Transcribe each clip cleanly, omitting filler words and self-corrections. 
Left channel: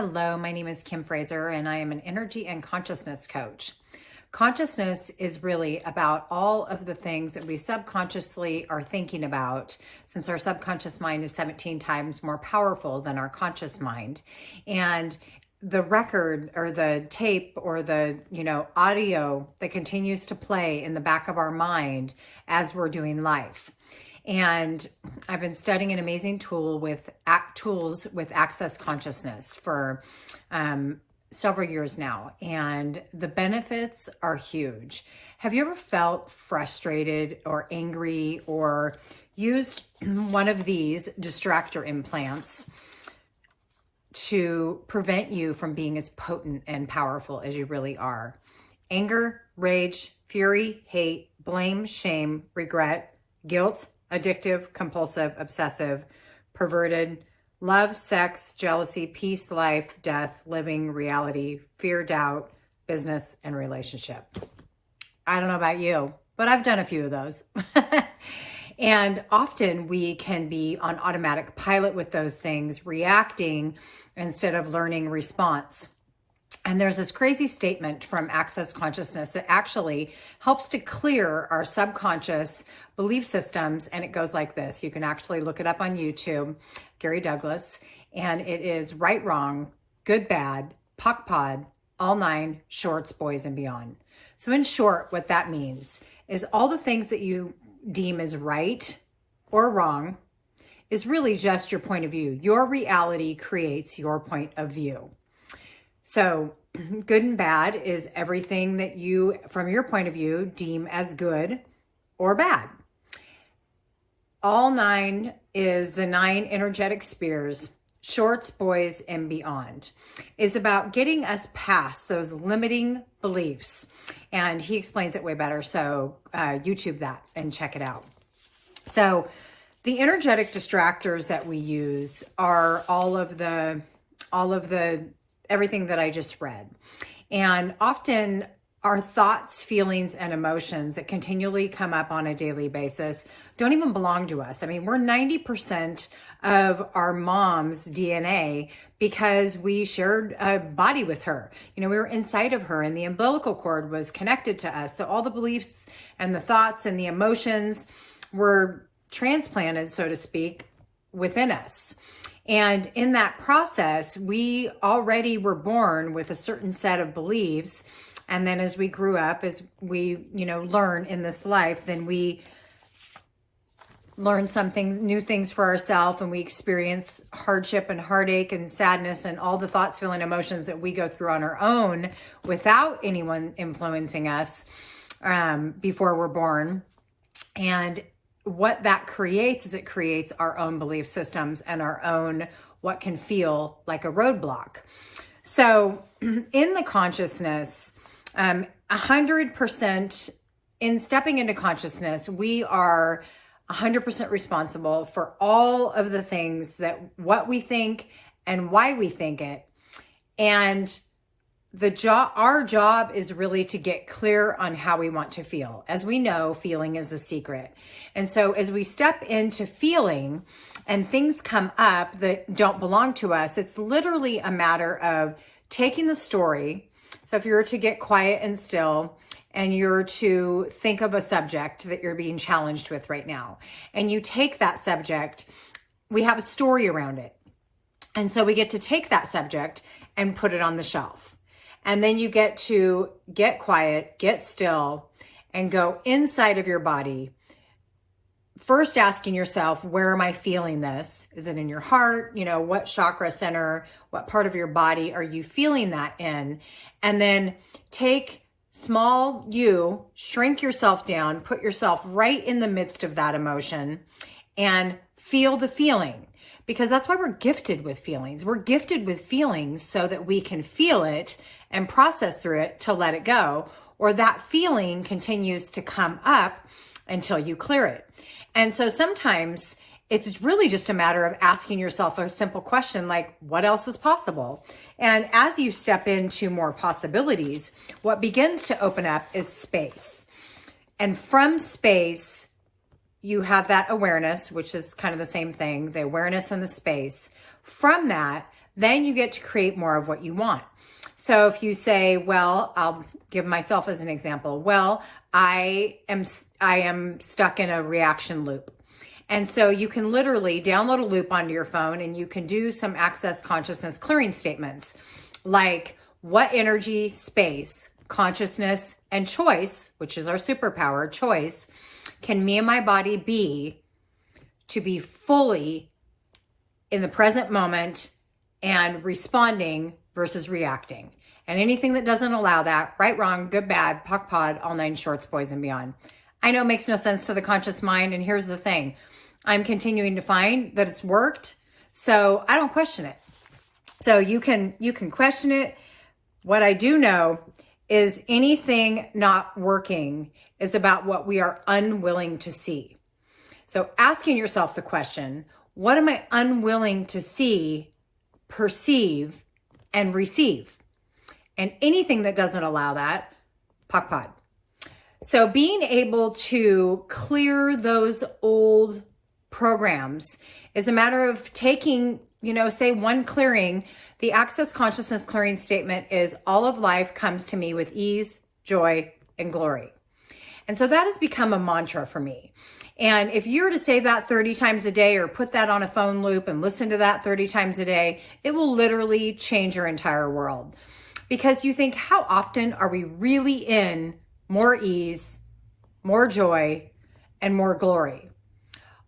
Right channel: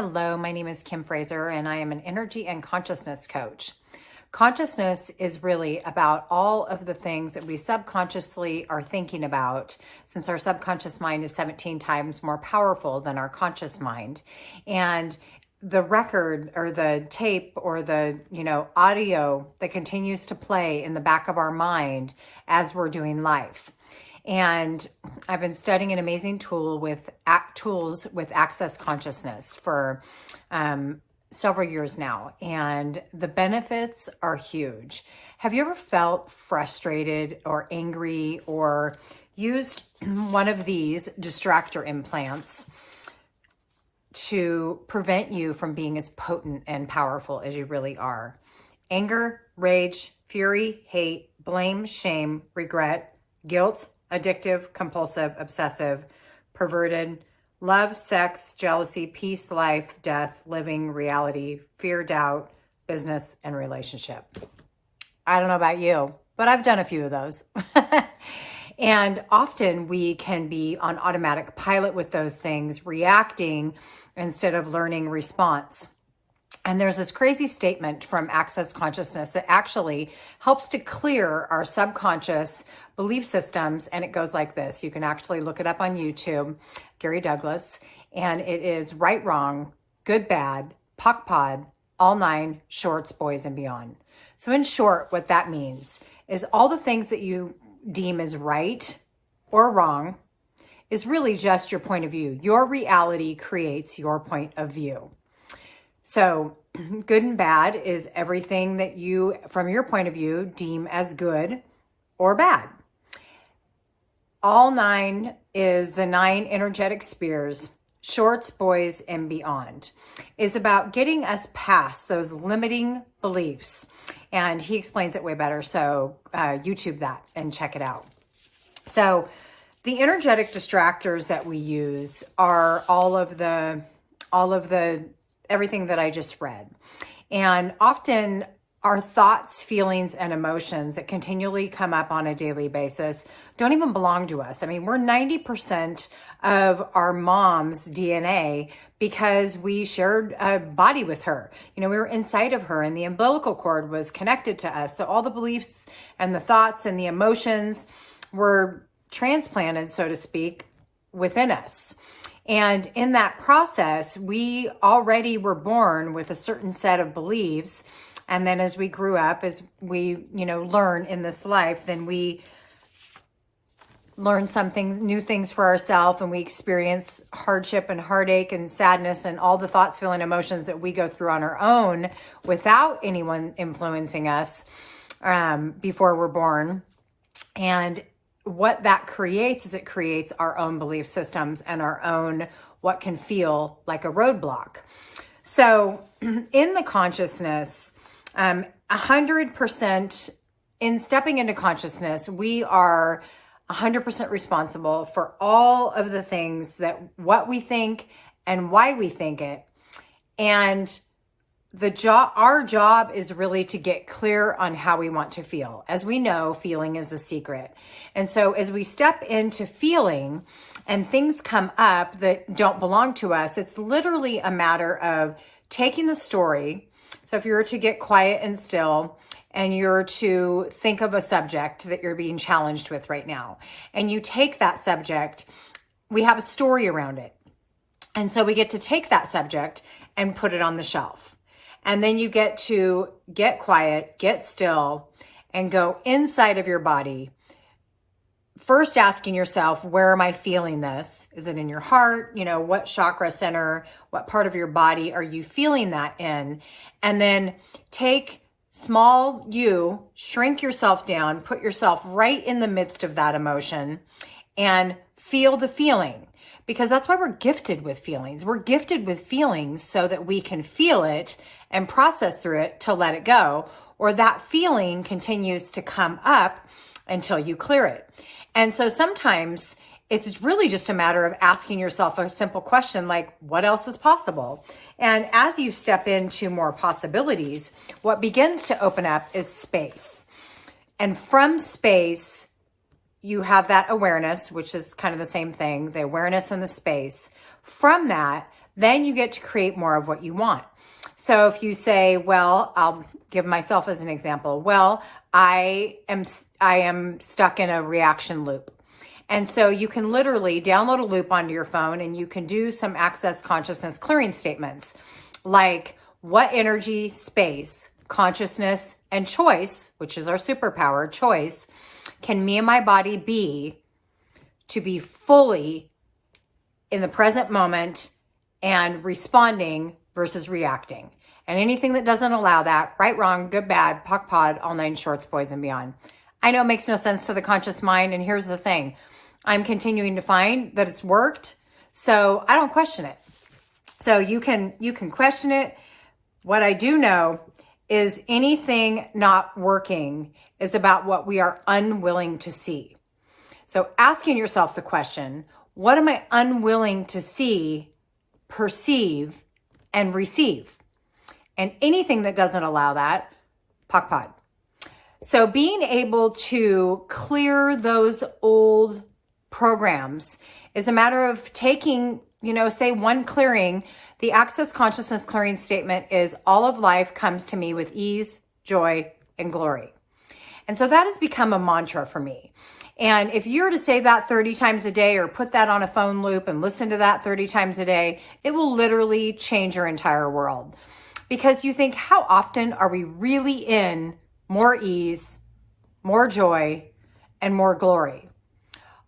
Hello, my name is Kim Frazer, and I am an energy and consciousness coach. Consciousness is really about all of the things that we subconsciously are thinking about, since our subconscious mind is 17 times more powerful than our conscious mind. And the record or the tape or the audio that continues to play in the back of our mind as we're doing life. And I've been studying an amazing tools with access consciousness for several years now, and the benefits are huge. Have you ever felt frustrated or angry or used one of these distractor implants to prevent you from being as potent and powerful as you really are? Anger, rage, fury, hate, blame, shame, regret, guilt, addictive, compulsive, obsessive, perverted, love, sex, jealousy, peace, life, death, living, reality, fear, doubt, business, and relationship. I don't know about you, but I've done a few of those. And often we can be on automatic pilot with those things, reacting instead of learning response. And there's this crazy statement from Access Consciousness that actually helps to clear our subconscious belief systems. And it goes like this. You can actually look it up on YouTube, Gary Douglas. And it is right, wrong, good, bad, POC, POD, all nine, shorts, boys, and beyond. So in short, what that means is all the things that you deem as right or wrong is really just your point of view. Your reality creates your point of view. So good and bad is everything that you, from your point of view, deem as good or bad. All nine is the 9 energetic spheres, shorts, boys, and beyond, is about getting us past those limiting beliefs. And he explains it way better. So YouTube that and check it out. So the energetic distractors that we use are all of the everything that I just read. And often our thoughts, feelings, and emotions that continually come up on a daily basis don't even belong to us. I mean, we're 90% of our mom's DNA because we shared a body with her. We were inside of her and the umbilical cord was connected to us. So all the beliefs and the thoughts and the emotions were transplanted, so to speak, within us. And in that process, we already were born with a certain set of beliefs. And then as we grew up, as we, learn in this life, then we learn new things for ourselves, and we experience hardship and heartache and sadness and all the thoughts, feelings, emotions that we go through on our own without anyone influencing us before we're born. And what that creates is it creates our own belief systems and our own what can feel like a roadblock. So in the consciousness, 100% in stepping into consciousness, we are 100% responsible for all of the things that what we think and why we think it. And our job is really to get clear on how we want to feel. As we know, feeling is the secret. And so as we step into feeling and things come up that don't belong to us, it's literally a matter of taking the story. So if you were to get quiet and still and you're to think of a subject that you're being challenged with right now, and you take that subject, we have a story around it. And so we get to take that subject and put it on the shelf. And then you get to get quiet, get still, and go inside of your body. First asking yourself, where am I feeling this? Is it in your heart? What chakra center, what part of your body are you feeling that in? And then take small you, shrink yourself down, put yourself right in the midst of that emotion and feel the feeling. Because that's why we're gifted with feelings. We're gifted with feelings so that we can feel it and process through it to let it go. Or that feeling continues to come up until you clear it. And so sometimes it's really just a matter of asking yourself a simple question like, what else is possible? And as you step into more possibilities, what begins to open up is space. And from space, you have that awareness, which is kind of the same thing, the awareness and the space. From that, then you get to create more of what you want. So if you say, well, I'll give myself as an example. Well, I am stuck in a reaction loop. And so you can literally download a loop onto your phone and you can do some access consciousness clearing statements like, what energy, space, consciousness, and choice, which is our superpower, choice, can me and my body be to be fully in the present moment and responding versus reacting? And anything that doesn't allow that, right, wrong, good, bad, POC, POD, all 9 shorts, boys and beyond. I know it makes no sense to the conscious mind. And here's the thing. I'm continuing to find that it's worked. So I don't question it. So you can question it. What I do know is anything not working is about what we are unwilling to see. So asking yourself the question, what am I unwilling to see, perceive, and receive? And anything that doesn't allow that, POC, POD. So being able to clear those old programs is a matter of taking, say one clearing. The access consciousness clearing statement is, all of life comes to me with ease, joy, and glory. And so that has become a mantra for me. And if you were to say that 30 times a day or put that on a phone loop and listen to that 30 times a day, it will literally change your entire world. Because you think, how often are we really in more ease, more joy, and more glory?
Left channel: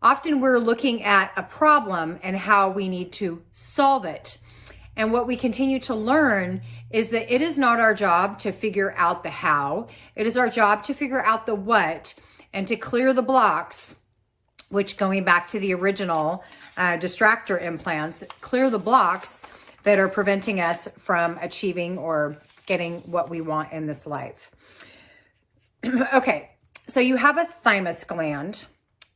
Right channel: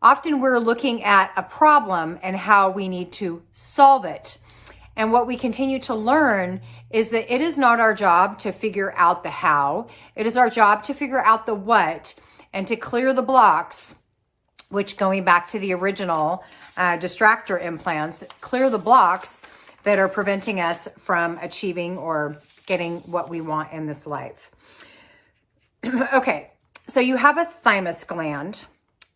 Often we're looking at a problem and how we need to solve it. And what we continue to learn is that it is not our job to figure out the how. It is our job to figure out the what and to clear the blocks, which, going back to the original distractor implants, clear the blocks that are preventing us from achieving or getting what we want in this life. Okay, so you have a thymus gland,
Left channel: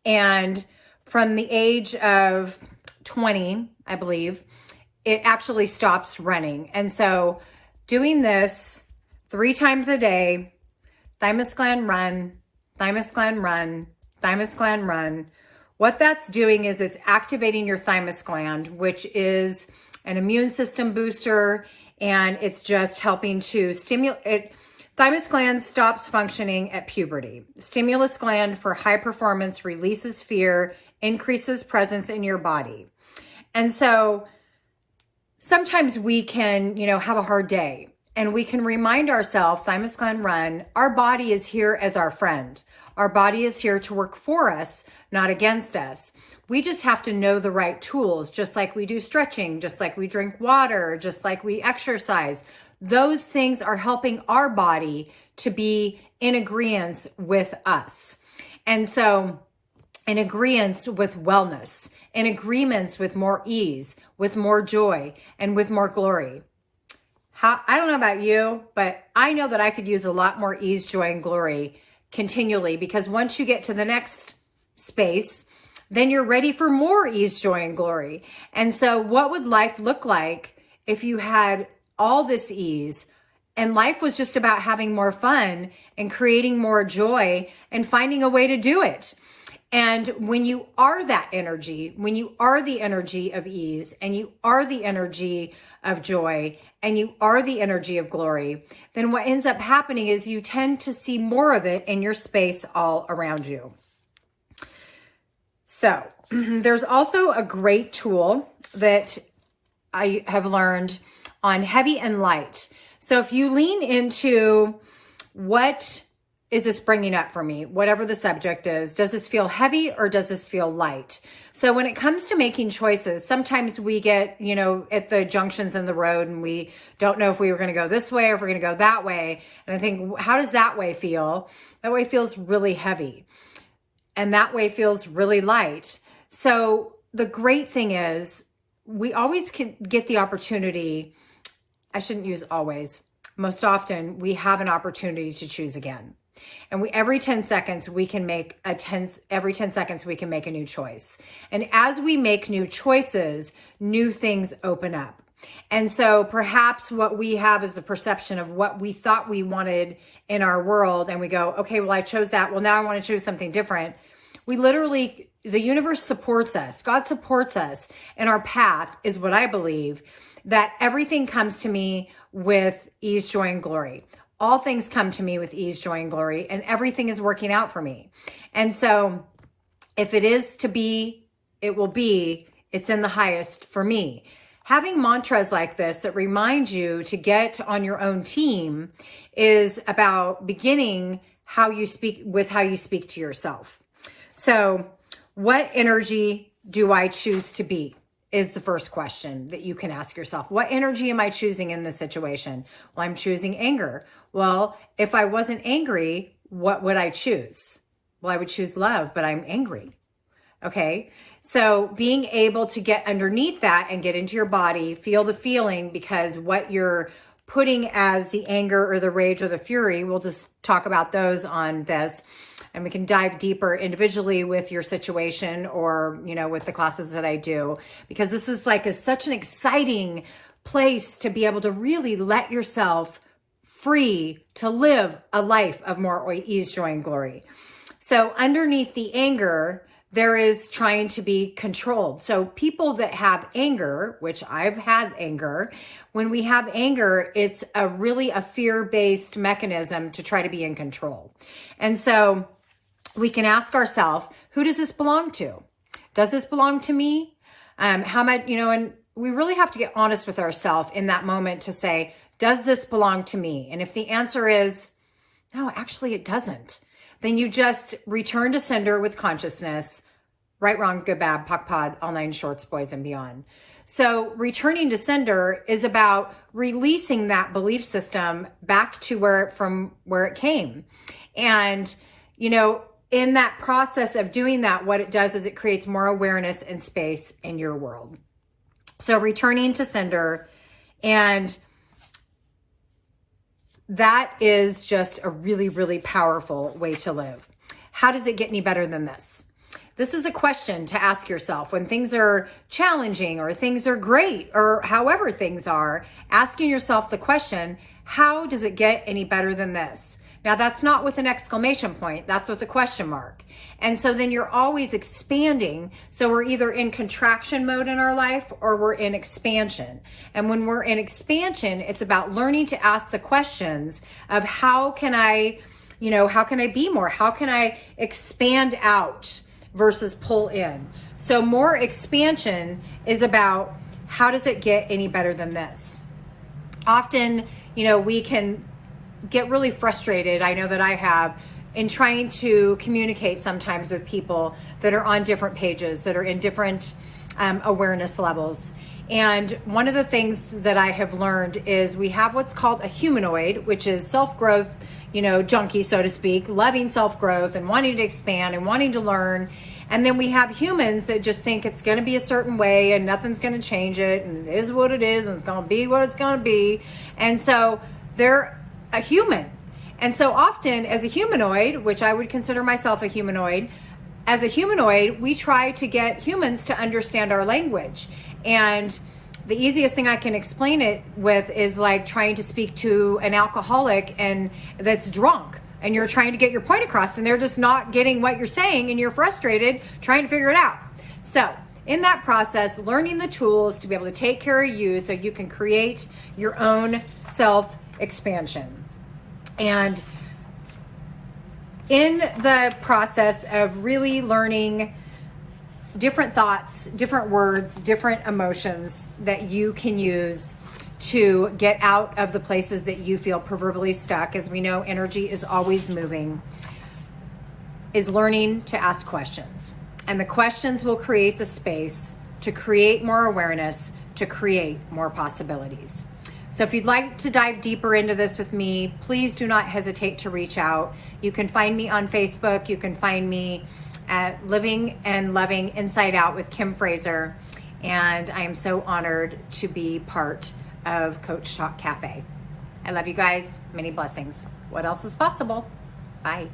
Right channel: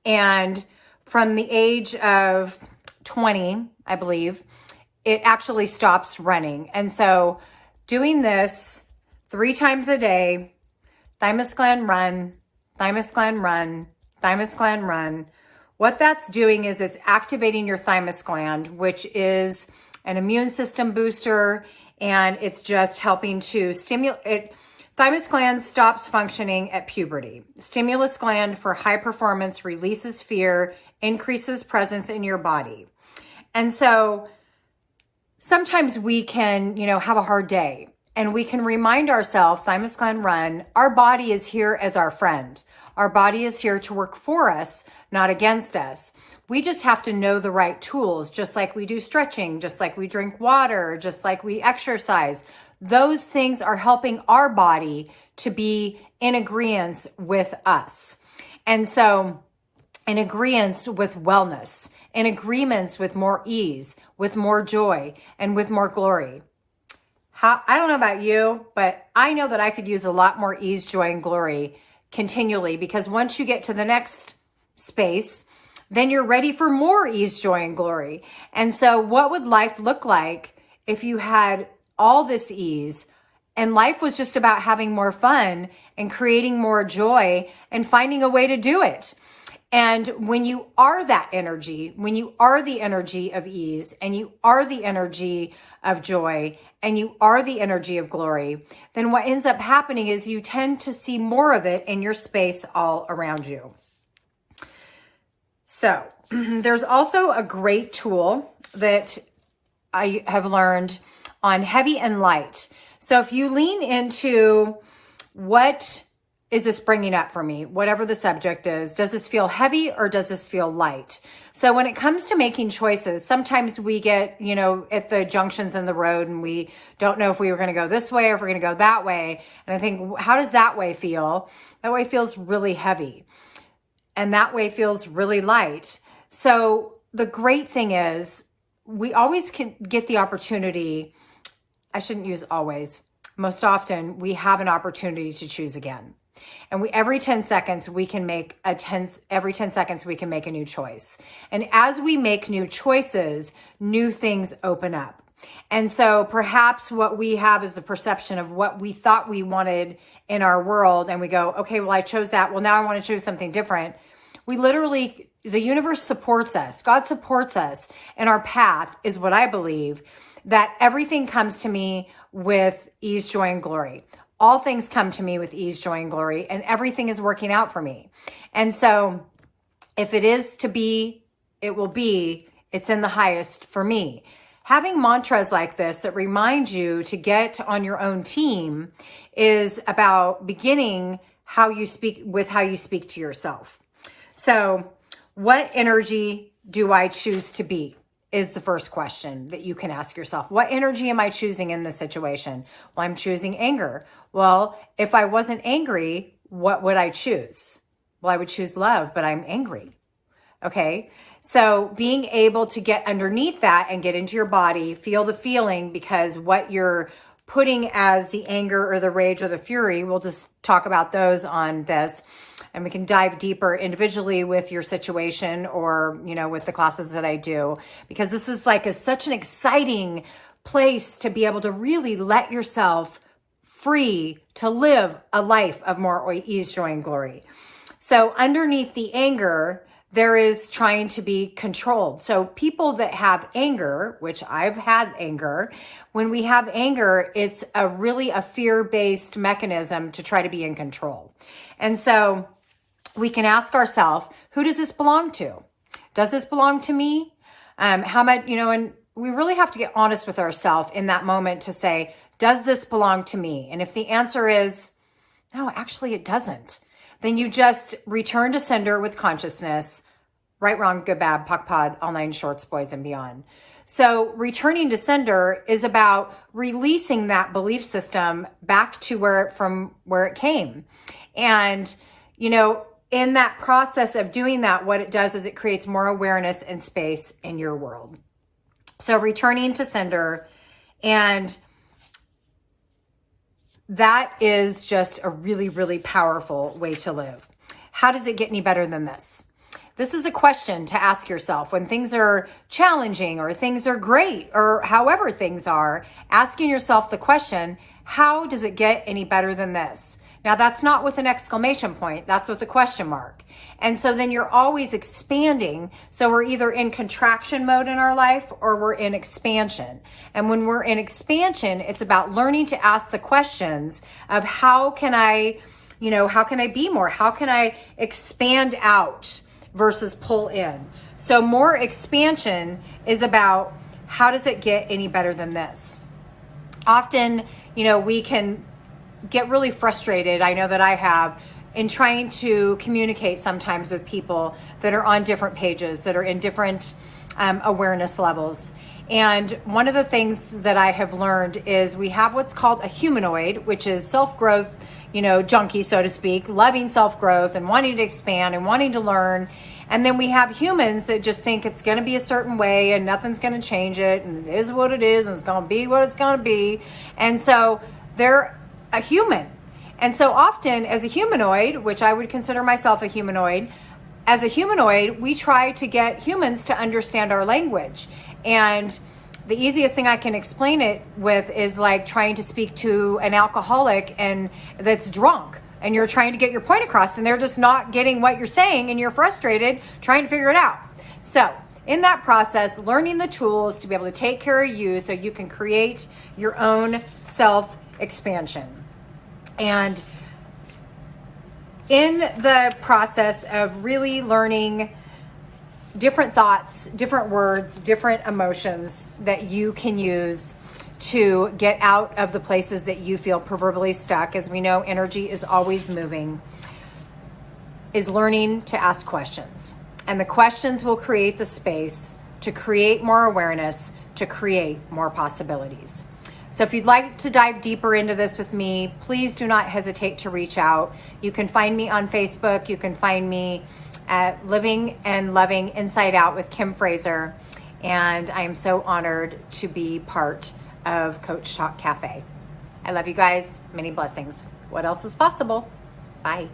and from the age of 20, I believe, it actually stops running. And so doing this 3 times a day, thymus gland run, thymus gland run, thymus gland run, what that's doing is it's activating your thymus gland, which is an immune system booster, and it's just helping to stimulate it. Thymus gland stops functioning at puberty. Stimulus gland for high performance releases fear, increases presence in your body. And so sometimes we can, have a hard day, and we can remind ourselves, thymus gland run, our body is here as our friend. Our body is here to work for us, not against us. We just have to know the right tools, just like we do stretching, just like we drink water, just like we exercise. Those things are helping our body to be in agreement with us. And so in agreement with wellness, in agreements with more ease, with more joy, and with more glory. I don't know about you, but I know that I could use a lot more ease, joy, and glory continually, because once you get to the next space, then you're ready for more ease, joy, and glory. And so what would life look like if you had all this ease and life was just about having more fun and creating more joy and finding a way to do it? And when you are that energy, when you are the energy of ease, and you are the energy of joy, and you are the energy of glory, then what ends up happening is you tend to see more of it in your space all around you. So there's also a great tool that I have learned on heavy and light. So if you lean into what is this bringing up for me, whatever the subject is, does this feel heavy or does this feel light? So when it comes to making choices, sometimes we get, at the junctions in the road and we don't know if we were going to go this way or if we're going to go that way. And I think, how does that way feel? That way feels really heavy. And that way feels really light. So the great thing is we always can get the opportunity. I shouldn't use always. Most often we have an opportunity to choose again. And every 10 seconds we can make every 10 seconds we can make a new choice. And as we make new choices, new things open up. And so perhaps what we have is the perception of what we thought we wanted in our world. And we go, okay, well, I chose that. Well, now I want to choose something different. We literally, the universe supports us. God supports us. And our path is what I believe. that everything comes to me with ease, joy, and glory. All things come to me with ease, joy, and glory, and everything is working out for me. And so if it is to be, it will be, it's in the highest for me. Having mantras like this that remind you to get on your own team is about beginning how you speak to yourself. So what energy do I choose to be is the first question that you can ask yourself. What energy am I choosing in this situation? Well, I'm choosing anger. Well, if I wasn't angry, what would I choose? Well, I would choose love, but I'm angry. Okay. So being able to get underneath that and get into your body, feel the feeling, because what you're putting as the anger or the rage or the fury, we'll just talk about those on this, and we can dive deeper individually with your situation or, with the classes that I do, because this is like such an exciting place to be able to really let yourself free to live a life of more ease, joy, and glory. So underneath the anger, there is trying to be controlled. So people that have anger, which I've had anger, when we have anger, it's really a fear-based mechanism to try to be in control. And so we can ask ourselves, who does this belong to? Does this belong to me? How much, and we really have to get honest with ourselves in that moment to say, does this belong to me? And if the answer is, no, actually it doesn't, then you just return to sender with consciousness, right, wrong, good, bad, POC, POD, all nine shorts, boys and beyond. So returning to sender is about releasing that belief system back to from where it came. And, in that process of doing that, what it does is it creates more awareness and space in your world. So returning to sender, and that is just a really, really powerful way to live. How does it get any better than this? This is a question to ask yourself when things are challenging or things are great or however things are, asking yourself the question, how does it get any better than this? Now, that's not with an exclamation point. That's with a question mark. And so then you're always expanding. So we're either in contraction mode in our life or we're in expansion. And when we're in expansion, it's about learning to ask the questions of how can I be more? How can I expand out versus pull in? So more expansion is about how does it get any better than this? Often, we can get really frustrated. I know that I have, in trying to communicate sometimes with people that are on different pages, that are in different awareness levels. And one of the things that I have learned is we have what's called a humanoid, which is self-growth, junkie, so to speak, loving self-growth and wanting to expand and wanting to learn. And then we have humans that just think it's going to be a certain way and nothing's going to change it, and it is what it is, and it's going to be what it's going to be. And so they're a human. And so often as a humanoid, which I would consider myself a humanoid, as a humanoid, we try to get humans to understand our language. And the easiest thing I can explain it with is like trying to speak to an alcoholic and that's drunk, and you're trying to get your point across and they're just not getting what you're saying and you're frustrated trying to figure it out. So in that process, learning the tools to be able to take care of you so you can create your own self-expansion. And in the process of really learning different thoughts, different words, different emotions that you can use to get out of the places that you feel proverbially stuck, as we know energy is always moving, is learning to ask questions. And the questions will create the space to create more awareness, to create more possibilities. So if you'd like to dive deeper into this with me, please do not hesitate to reach out. You can find me on Facebook. You can find me at Living and Loving Inside Out with Kim Frazer. And I am so honored to be part of Coach Talk Cafe. I love you guys. Many blessings. What else is possible? Bye.